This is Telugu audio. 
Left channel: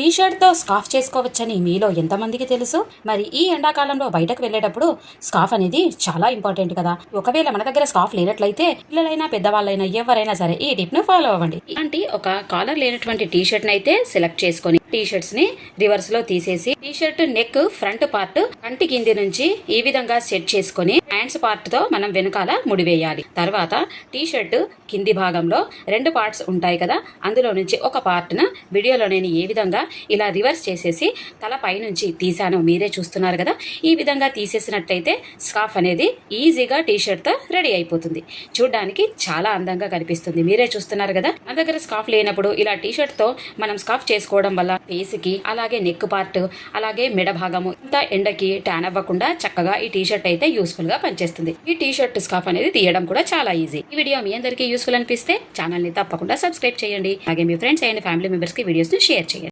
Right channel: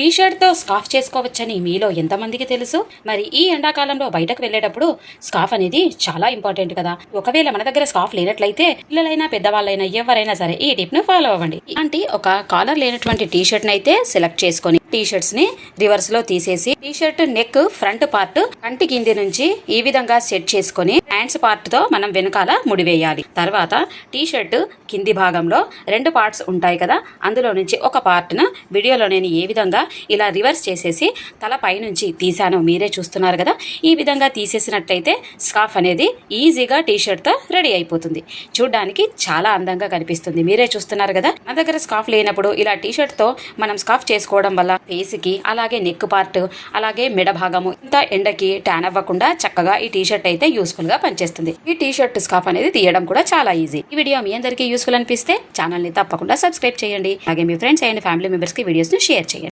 టీ షర్ట్ తో స్కార్ఫ్ చేసుకోవచ్చని మీలో ఎంతమందికి తెలుసు? మరి ఈ ఎండాకాలంలో బయటకు వెళ్ళేటప్పుడు స్కార్ఫ్ అనేది చాలా ఇంపార్టెంట్ కదా. ఒకవేళ మన దగ్గర స్కార్ఫ్ లేనట్లయితే పిల్లలైనా పెద్దవాళ్ళైనా ఎవరైనా సరే ఈ టిప్ ను ఫాలో అవ్వండి. అంటే ఒక కాలర్ లేనటువంటి టీ షర్ట్ ని అయితే సెలెక్ట్ చేసుకొని టీ షర్ట్స్ ని రివర్స్ లో తీసేసి T shirt neck front part కంటి కింది నుంచి ఈ విధంగా సెట్ చేసుకొని హ్యాండ్స్ పార్ట్ తో మనం వెనకాల ముడివేయాలి. తర్వాత టీ షర్ట్ కింది భాగంలో 2 పార్ట్స్ ఉంటాయి కదా, అందులో నుంచి ఒక పార్ట్ ను వీడియోలో నేను ఏ విధంగా ఇలా రివర్స్ చేసేసి తల పై నుంచి తీసాను, మీరే చూస్తున్నారు కదా. ఈ విధంగా తీసేసినట్లయితే స్కార్ఫ్ అనేది ఈజీగా టీ షర్ట్ తో రెడీ అయిపోతుంది. చూడడానికి చాలా అందంగా కనిపిస్తుంది, మీరే చూస్తున్నారు కదా. మన దగ్గర స్కార్ఫ్ లేనప్పుడు ఇలా టీ షర్ట్ తో మనం స్కార్ఫ్ చేసుకోవడం వల్ల ఫేస్ కి అలాగే నెక్ పార్ట్ అలాగే మెడ భాగము ఇంత ఎండకి ట్యాన్ అవ్వకుండా చక్కగా ఈ టీ షర్ట్ అయితే యూస్ఫుల్ గా పనిచేస్తుంది. ఈ టీ షర్ట్ స్కార్ఫ్ అనేది తీయడం కూడా చాలా ఈజీ. ఈ వీడియో మీ అందరికీ యూస్ఫుల్ అనిపిస్తే ఛానల్ ని తప్పకుండా సబ్స్క్రైబ్ చేయండి. అలాగే మీ ఫ్రెండ్స్ అండ్ ఫ్యామిలీ మెంబర్స్ కి వీడియోస్ ను షేర్ చేయండి.